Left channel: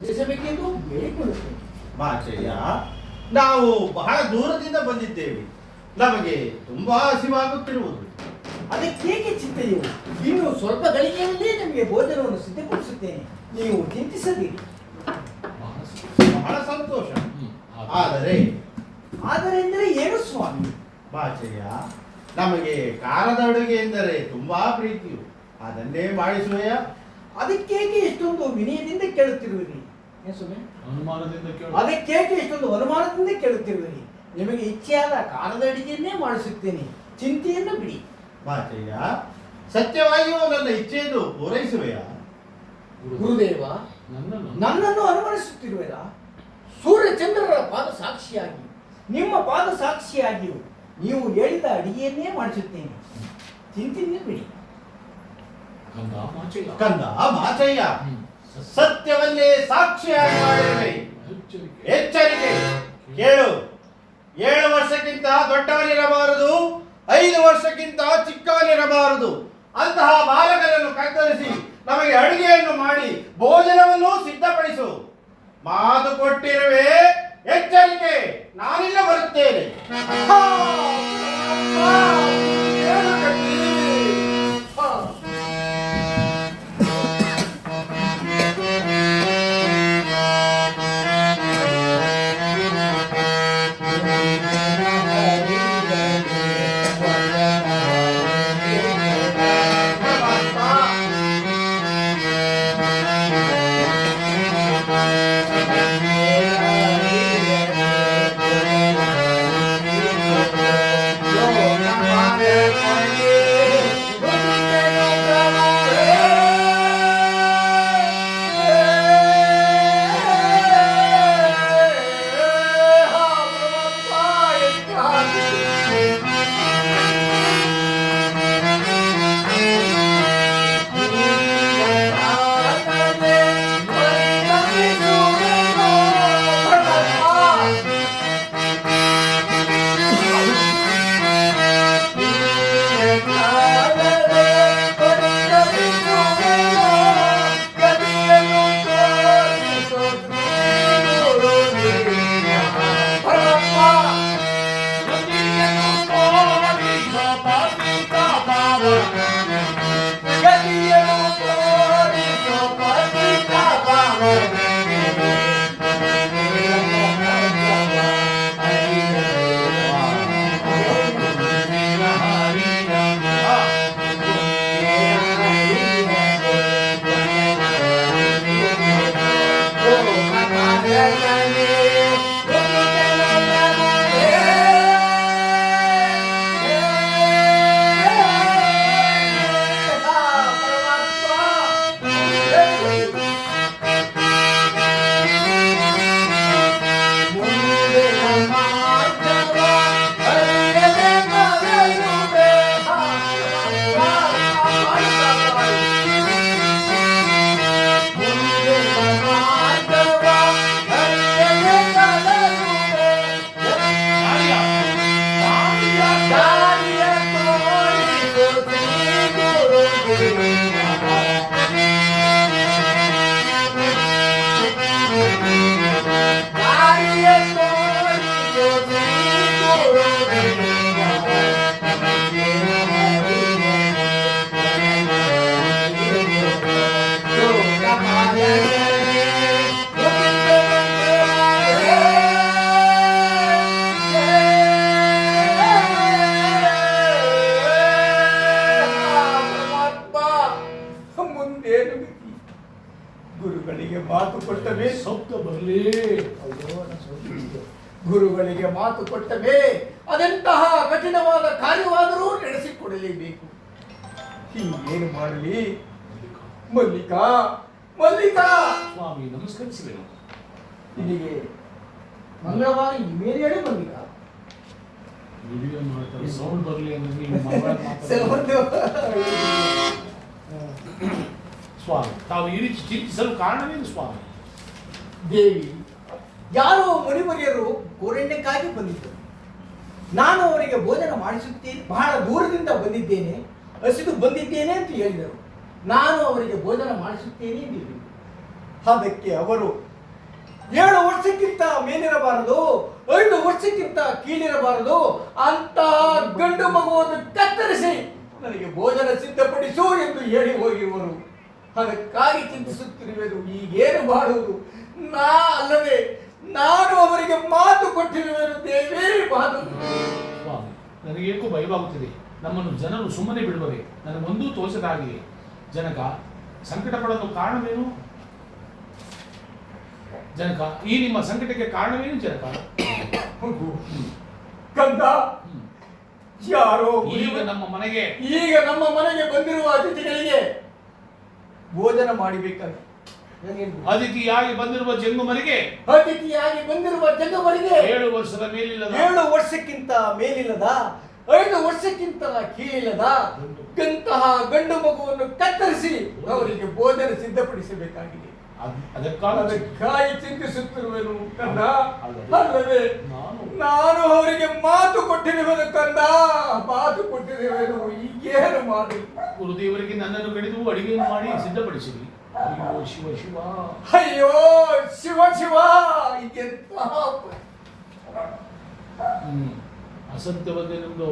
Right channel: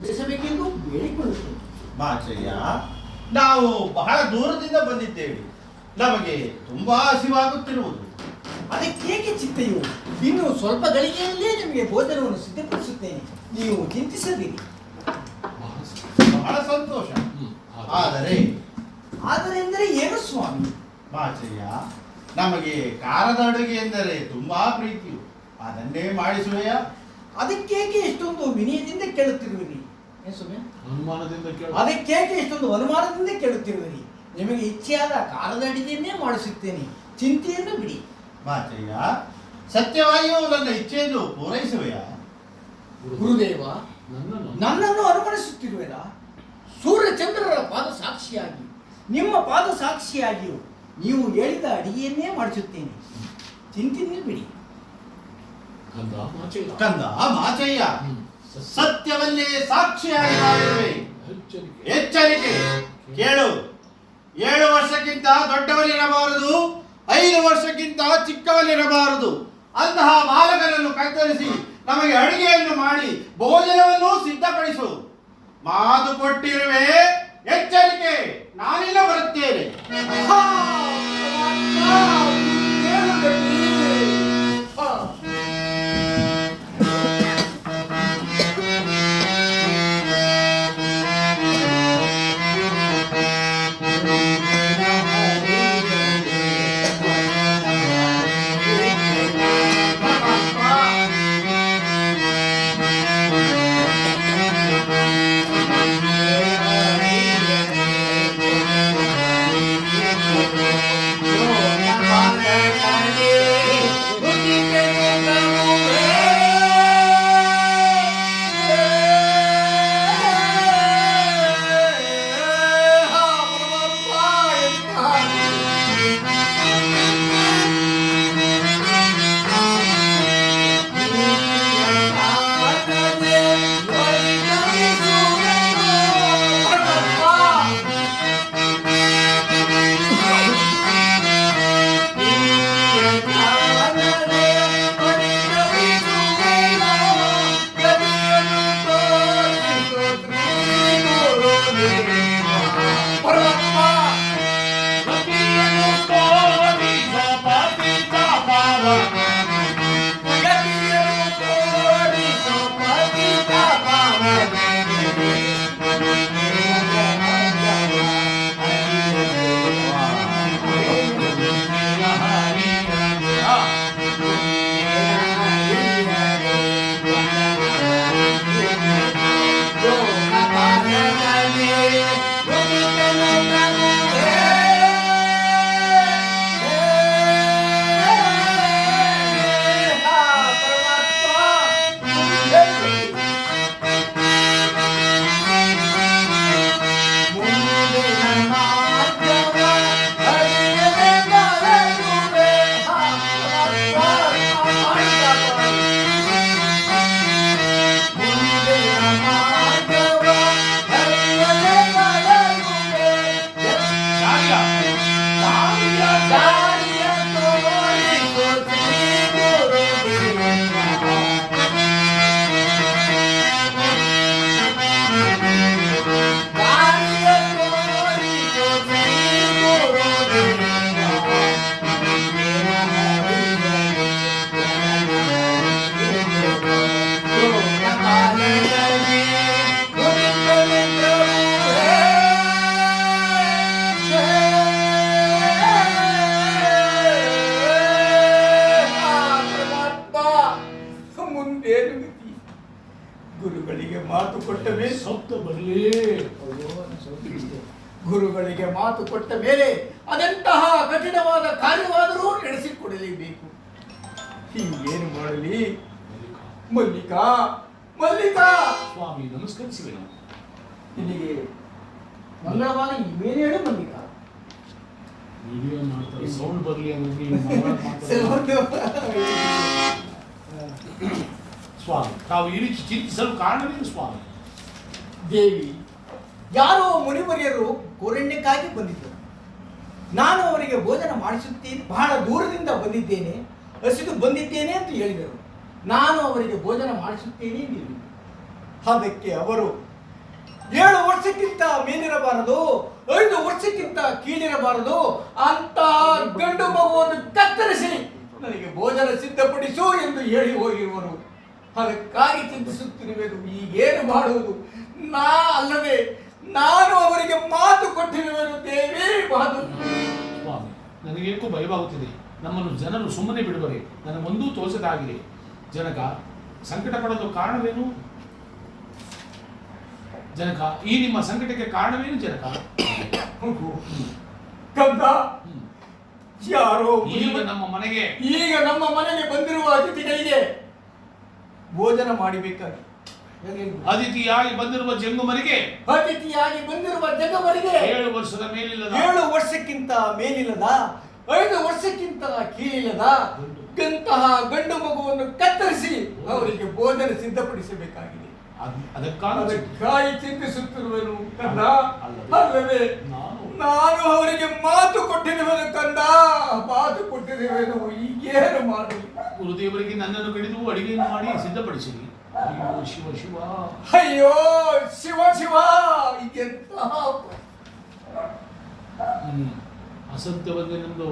ತಿಳಿಸಬೇಕೆಂದು ಬೇಡಿಕೊಳ್ಳುತ್ತೇನೆ. ಮಾಚಯ್ಯ, ನಾವು ಬಹಳ ದೂರದಿಂದ ಬಂದಿದ್ದೇವೆ. ನಮಗೆ ತುಂಬಾ ಹಸಿವಾಗುತ್ತಿರುವುದು. ಅದಕ್ಕೇಕೆ ಚಿಂತೆಯು? ಇನ್ನು ಸ್ವಲ್ಪ ಗಳಿಗೆಯಲ್ಲೇ ನಿಮಗೆ ಭೋಜನವನ್ನು ಸಿದ್ಧಪಡಿಸುತ್ತೇನೆ, ನೀವು ಚಿಂತಿಸದಿರಿ. ಬಹಳ ಸಂತೋಷ. ಆದರೆ ಎಂದರೆ ಏನು ಸ್ವಾಮಿ? ಮಾಚಯ್ಯ, ನಮಗೆ ಖಾರದ ಅಡುಗೆ ಎಂದರೆ ತುಂಬಾ ಪ್ರೀತಿಯು. ಅದನ್ನೇ ಮಾಡಿಸುವೆಯ? ಅದಕ್ಕೇಕೆ ಇಷ್ಟೊಂದು ವಿನಯದಿಂದ ಕೇಳುತ್ತಿರುವಿರಿ? ಅನುಮಾನದಿಂದ ಅದಕ್ಕೇಕೆ ಇಷ್ಟೊಂದು ಅನುಮಾನದಿಂದ ಕೇಳುತ್ತಿರುವಿರಿ? ನಿಮಗೆ ಇಚ್ಛೆಯಾದ ಖಾರದ ಅಡಿಗೆಯನ್ನೇ ಮಾಡಿಸುತ್ತೇನೆ, ಚಿಂತೆಯನ್ನು ಬಿಡಿ. ಮಾಚಯ್ಯ, ಸತ್ಯವಾಗಿಯೂ ನನ್ನ ಇಚ್ಛೆಯನ್ನು ಪೂರೈಸುವೆಯಾ? ಗುರುದೇವ, ನನ್ನನ್ನು ಅನುಮಾನಿಸುತ್ತಿರುವೆರಾ? ಸೂರ್ಯಚಂದ್ರರ ಪಾದ ಸಾಕ್ಷಿಯಾಗಿ, ನಿಮ್ಮ ಪಾದ ಸಾಕ್ಷಿಯಾಗಿಯೂ ನೀವು ಹೇಳಿದ ಅಡಿಗೆಯನ್ನೇ ಮಾಡಿಸುತ್ತೇನೆ, ಚಿಂತೆಯನ್ನು ಬಿಡಿ. ಕಂದ ಮಾಚಯ್ಯ, ಸತ್ಯವಲ್ಲೇ ಸಾಕ್ಷಿಯಾಗಿ ಮಾಡಿರುವೆ. ಎಚ್ಚರಿಕೆ ಕೇಳು. 7 ವರ್ಷಕ್ಕಿಂತ ದೊಡ್ಡವನಿರಬಾರದು, 5 ವರ್ಷಕ್ಕಿಂತ ಚಿಕ್ಕವನಿರಬಾರದು. ಅಂತಹ ಬಾಲಕರನ್ನು ಕತ್ತರಿಸಿ ನಮಗೆ ಅಡುಗೆಯನ್ನು ಮಾಡಿ ಭೋಜನವನ್ನು ಸಿದ್ಧಪಡಿಸು. ಮಾತು ಕೊಟ್ಟಿರುವೆ. ಎಚ್ಚರಿಕೆ, ನಾನಿಲ್ಲ ಬರುತ್ತೇನೆ. ಗುರುಗಳಿಗೆ ಮಾತು ಕೊಟ್ಟ ಮೇಲೆ ಸಪ್ತ ಬರಲಿ. ಗುರುಗಳಿಗೆ ಮಾತು ಕೊಟ್ಟ ಮೇಲೆ ಅದೆಂತಹ ಕಠಿಣವಾದ ಕಾರ್ಯವಾದರೂ ನಡೆಸಿಕೊಡಲೇಬೇಕು. ಹೀಗೇನು ಮಾಡಲಿ? ಮಲ್ಲಿಕಾ, ಮಲ್ಲಿಕಾ ಸ್ವಾಮಿ ನಮಸ್ಕರಿಸಿವೆ. ನಿನಗೆ ಮಂಗಳವಾರ ಇಮೇಲ್ ಹೇಳಿ ಮಲ್ಲಿಕಾ. ವಿಡಿಯೋ ಮಾಡ್ತಾರೆ, ಸೌಂಡ್ ಬರಲಿ ಅಂದ್ರೆ ನೀವು ಸ್ವಾಮಿ, ತಾವು ಈ ರೀತಿ ಚಿಂತಿಸಲು ಕಾರಣವೇನು ಸ್ವಾಮಿ? ದೇವಿ, ಯಾರೋ ಮುನಿವರಿಯರು ಕೋರಣ್ಯಕ್ಕಾಗಿ ಬಂದಿದ್ದರು. ನಾನು ಅವರಿಗೆ ಭೋಜನ ಮಾಡಿಸುತ್ತೇನೆ, ಬಹಳ ದೂರದಿಂದ ಬಂದಿದ್ದೇನೆ, ಹಸಿದು ಬಂದಿದ್ದೇನೆ ಅಂತ ಹೇಳಿದರು. ನಾನು ಅವರಿಗೆ ಭೋಜನ ಮಾಡಿಸುತ್ತೇನೆ ಎಂದಿದ್ದರು. ಅದಕ್ಕೆ ಅವರು 7 ವರ್ಷಕ್ಕಿಂತ ಮೇಲಿರಬಾರದು, 5 ವರ್ಷಕ್ಕಿಂತ ಕೀಳಿರಬಾರದು ಅಂತಹ ಗಂಡು ಮಗುವನ್ನು ಕತ್ತರಿಸಿ ನನಗೆ ಭೋಜನ ಸಿದ್ಧಪಡಿಸು ಎಂದು ಹೇಳಿ ಹೋಗಿರುವರು. ಅದಕ್ಕಾಗಿ ಚಿಂತಿಸುತ್ತಿರುವೆನು, ಈಗೇನು ಮಾಡುವುದು? ಅಲ್ಲವೇ ನಾನು ಅವರಿಗೆ ಮಾತು ಕೊಟ್ಟಿರುವೆನು ದೇವಿ, ಮಾತು. ಸ್ವಾಮಿ, ನನಗೇಕೋ ಭಯವಾಗುತ್ತಿದೆ. ನಮ್ಮನ್ನು ಜನರು ಸುಮ್ಮನೆ ಬಿಡುವರೆ ನನಗೊಂದೂ ತೋಚದಾಗಿದೆ. ಜನಕ ಸಂಕಟ ಪಡಲು ಕಾರಣವೇನು? ಜನಕ, ಈ ನಿಮ್ಮ ಸಂಕಟಕ್ಕೆ ಕಾರಣವೇನು ಜನಕ? ಕಂದ, ಯಾರೋ ಈಗ ನಮ್ಮ ಮನೆಗೆ ಬಂದಿರುವ ಅತಿಥಿಗಳಿಗೆ ಭೋಜನ ಮಾಡಿಬೇಕಾಗಿ, ಅತಿಥಿಯಾಗಿ ಬಂದಿರುವ ಜಂಗಮರಿಗೆ 7 ವರ್ಷದ ಮೇಲಿಲ್ಲದ, 7 ವರ್ಷಕ್ಕಿಂತ ಮೇಲಿಲ್ಲದ, 5 ವರ್ಷಕ್ಕಿಂತ ಕೀಳಿಲ್ಲದ ಇಂತಹ ಗಂಡು ಮಗುವನ್ನು ಕತ್ತರಿಸಿ ಅವರಿಗೆ ಭೋಜನ ಸಿದ್ಧಪಡಿಸಬೇಕಾಗಿದೆ. ಅದಕ್ಕಾಗಿ ಚಿಂತಿಸುತ್ತಿರುವೆನು ಕಂದ. ಅಲ್ಲವೇ ನಾನು ಅವರಿಗೆ ಮಾತು ಕೊಟ್ಟಿರುವೆನು ಕಂದ, ಮಾತು ಕೊಟ್ಟಿರುವೆನು. ಈಗೇನು ಮಾಡಿ? ಗುರುದೇವರಿಗೆ ನನ್ನನ್ನು ಕಡಿದು ಅಡಿಗೆಯನ್ನು ಮಾಡಿ ಸಿದ್ಧಪಡಿಸಿರಿ. ಅಯ್ಯೋ ಶಿವ ಶಿವ, ಅಯ್ಯೋ ಶಿವ ಶಿವ, ಎಂತಹ ಅಸತ್ಯವನ್ನೇ ನಮ್ದು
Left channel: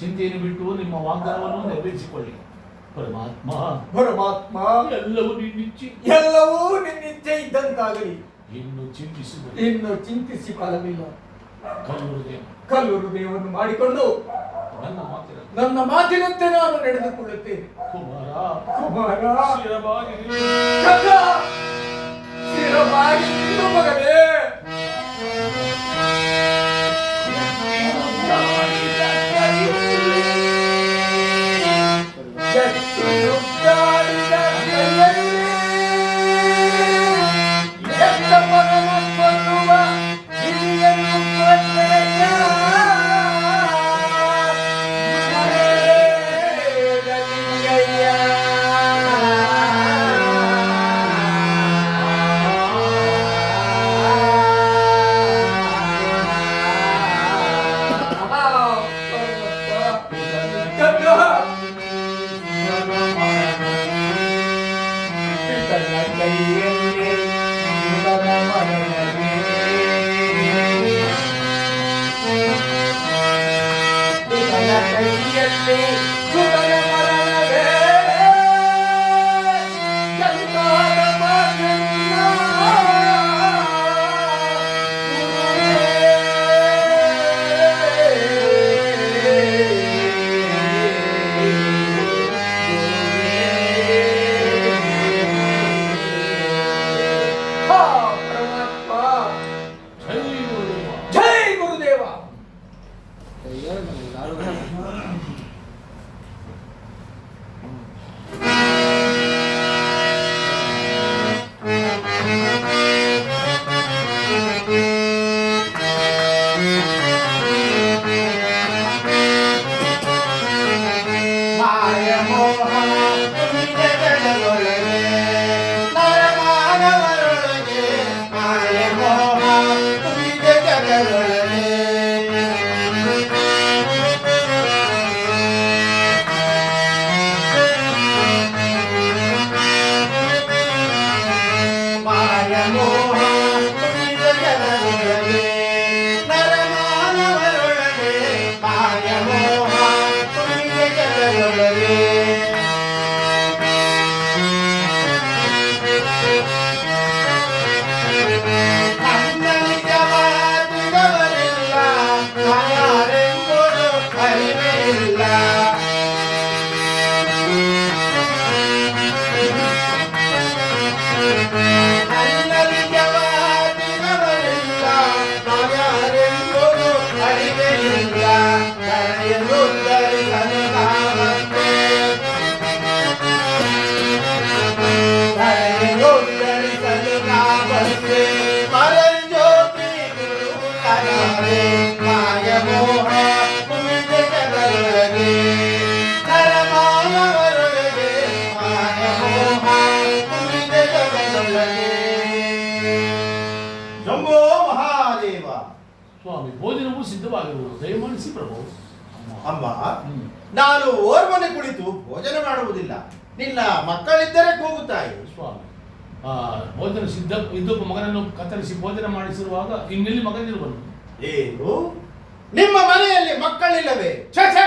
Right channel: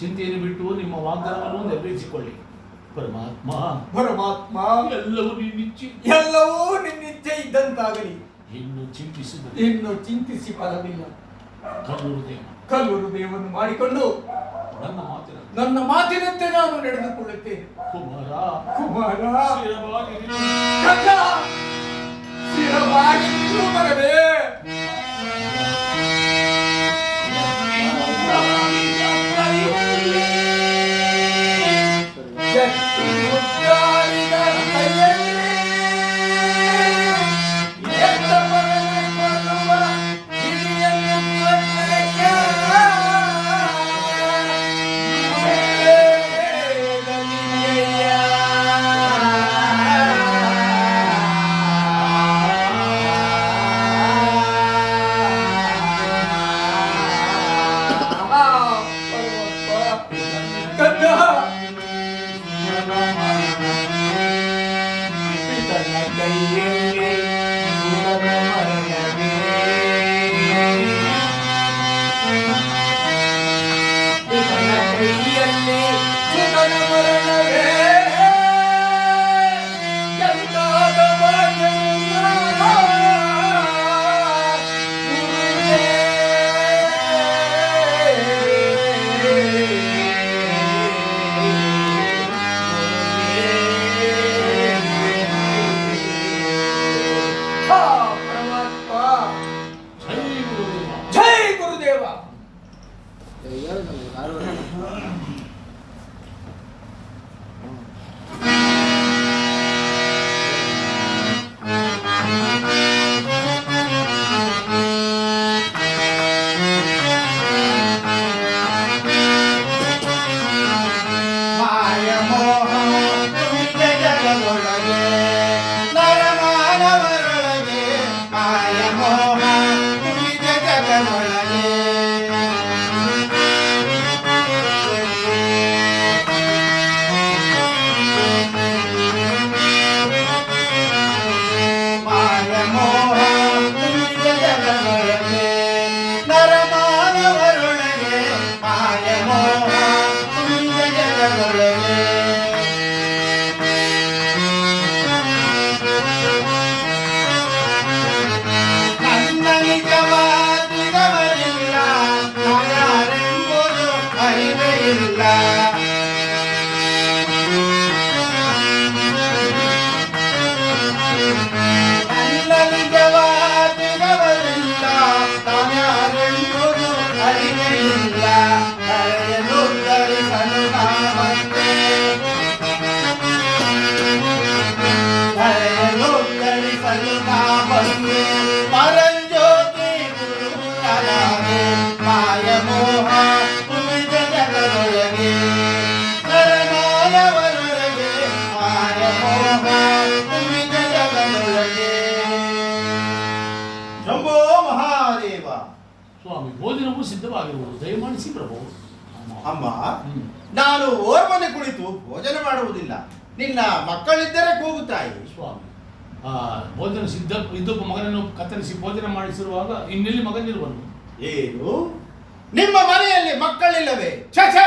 ಚಿಂತೆಯನ್ನು ಬಿಟ್ಟು ನಿಮ್ಮ ವಾಗ್ದಾನವನ್ನು ನೆರವೇರಿಸಿಕೊಳ್ಳಿ. ಪರಮಾತ್ಮ ಪರಮಾತ್ಮ, ಎಲ್ಲವೂ ನಿನ್ನಿಚ್ಛೆ ಇದ್ದಂತಾಗಲಿ. ಇನ್ನು ಚಿಂತಿಸಿ ಫಲವಿಲ್ಲ. ಕಲ್ಲು ಹೃದಯವನ್ನು ಮಾಡಿಕೊಂಡು ನನ್ನ ಮಾತಿನಂತೆ ನಾನು ನಡೆದುಕೊಳ್ಳುತ್ತೇನೆ. ಕುಮಾರ ಸ್ಥಿರವಾಗಿ ಮಗನೇ. ಸ್ವಾಮಿ, ಭೋಜನವು ಸಿದ್ಧವಾಗಿರುವುದು, ದಯಮಾಡಿಸಿ ಪ್ರಭು. ಅಮ್ಮ, ನಾನು ಓರ್ವನೆ ಕುಳಿತು ಭೋಜನ ಮಾಡುವುದಿಲ್ಲ. ನಿನ್ನ ಮಕ್ಕಳಿದ್ದರೆ ಕೂಗುತ್ತಾಯಿ. ಸ್ವಾಮಿ, ಭೋಜನ ಸಿದ್ಧ ಇದ್ದೊಬ್ಬ ಮಗನನ್ನು ಕತ್ತರಿಸಿ ಭೋಜನ ಮಾಡಿಸಿರುವಾಗ ಇನ್ನೆಲ್ಲಿ ಮಗನಿರುವನು? ಏನು ನಿಮ್ಮ ಮನೆಯಲ್ಲಿ ಮಕ್ಕಳಿಲ್ಲವೇ? ಛೇ ಛೇ,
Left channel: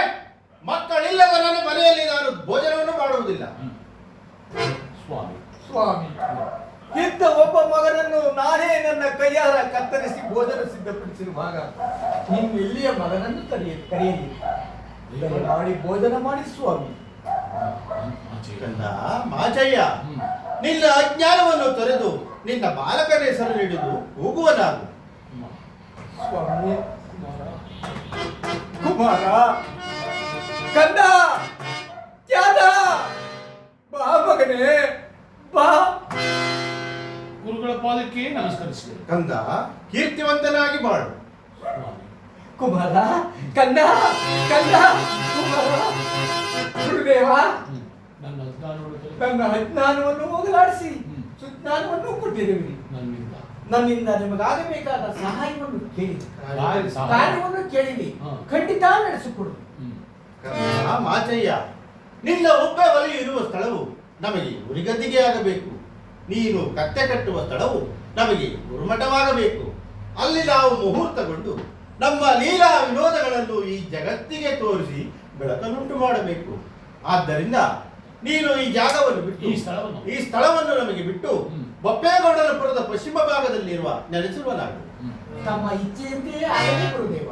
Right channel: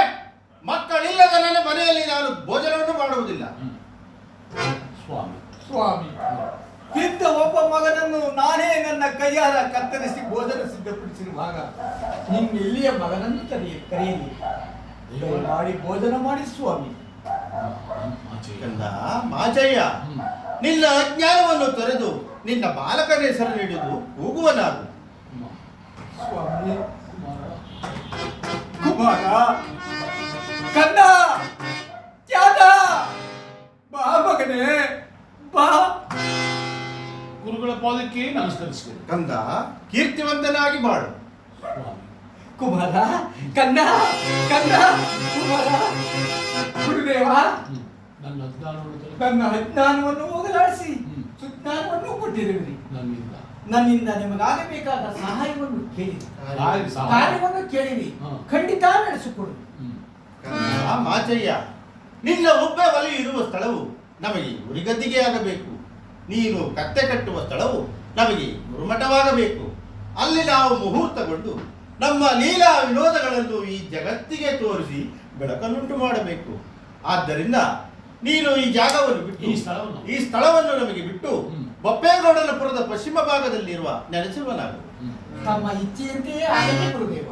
ಮಕ್ಕಳಿಲ್ಲದ ನನ್ನ ಮನೆಯಲ್ಲಿ ನಾನು ಭೋಜನವನ್ನು ಮಾಡುವುದಿಲ್ಲ. ಸ್ವಾಮಿ ಸ್ವಾಮಿ, ಇದ್ದ ಒಬ್ಬ ಮಗನನ್ನು ನಾನೇ ನನ್ನ ಕೈಯಾರ ಕತ್ತರಿಸಿ ಭೋಜನ ಸಿದ್ಧಪಡಿಸಿರುವಾಗ ಇನ್ನೆಲ್ಲಿಯ ಮಗನನ್ನು ಕರೆಯಲಿ. ಮಾಡಿ ಭೋಜನ ಮಾಡಿ ಸ್ವಾಮಿ. ಕಂದ ಮಾಚಯ್ಯ, ನಿನ್ನ ಅಜ್ಞಾನವನ್ನು ತೊರೆದು ನಿನ್ನ ಬಾಲಕನ ಹೆಸರು ನೀಡುವುದು ಹೋಗುವನಾಗು. ಸ್ವಾಮಿ, ಕುಮಾರ, ಕಂದ, ತ್ಯಾಗ, ಬಾ ಮಗನೇ, ಬಾ. ಗುರುಗಳ ಪಾದಕ್ಕೆ ನಮಸ್ಕರಿಸಿದೆ. ಕಂದ, ಕೀರ್ತಿವಂತನಾಗಿ ಮಾಡು. ಸ್ವಾಮಿ, ಕುಮಾರ, ಕಂದ, ಕಂದ, ಕುಮಾರ, ಗುರುದೇವ, ನನ್ನ ಅಜ್ಞಾನವನ್ನು ನನ್ನ ಅಜ್ಞಾನವನ್ನು ಹೋಗಲಾಡಿಸಿ ಸುಜ್ಞಾನವನ್ನು ಕೊಟ್ಟಿರುವಿರಿ. ನನ್ನಿಂದ ನಿಮಗಾಗಬೇಕಾದ ಸಹಾಯವನ್ನು ಕೇಳಿರಿ, ಕಾರ್ಯವನ್ನು ಕೇಳಿರಿ, ಖಂಡಿತ ನಡೆಸಿಕೊಡು. ಕಂದ ಮಾಚಯ್ಯ, ನಿನ್ನ ಒಬ್ಬ ಒಲೆ ಇರುವ ಸ್ಥಳವು ನಮಗೆ ಉರಿಗದ್ದಿಗೆ ಆಗಬೇಕು. ನೀನು ಕತ್ತೆ ಕಟ್ಟುವ ಸ್ಥಳವು ನಮಗೆ ಗುರುಮಠವಾಗಬೇಕು. ಅಲ್ಲಿ ನಾವು ಮುಹೂರ್ತಗೊಂಡು ನಮ್ಮ ಲೀಲಾ ವಿನೋದಗಳನ್ನು ಈ ಜಗತ್ತಿಗೆ ತೋರಿಸಿ ಬೆಳಕನ್ನುಂಟು ಮಾಡಬೇಕು. ಆದ್ದರಿಂದ ನೀನು ಈ ಜಾಗವನ್ನು ಬಿಟ್ಟು ಈ ಸ್ಥಳವನ್ನು ನಮಗೆ ಬಿಟ್ಟು ಬೊಪ್ಪೇಗೌಡನಪುರದ ಪಶ್ಚಿಮ ಭಾಗದಲ್ಲಿರುವ ನೆಲೆಸಿರುವನಾಗು. ತಮ್ಮ ಇಚ್ಛೆಯಂತೆಯೇ ಆಗಲಿ ಗುರುದೇವ.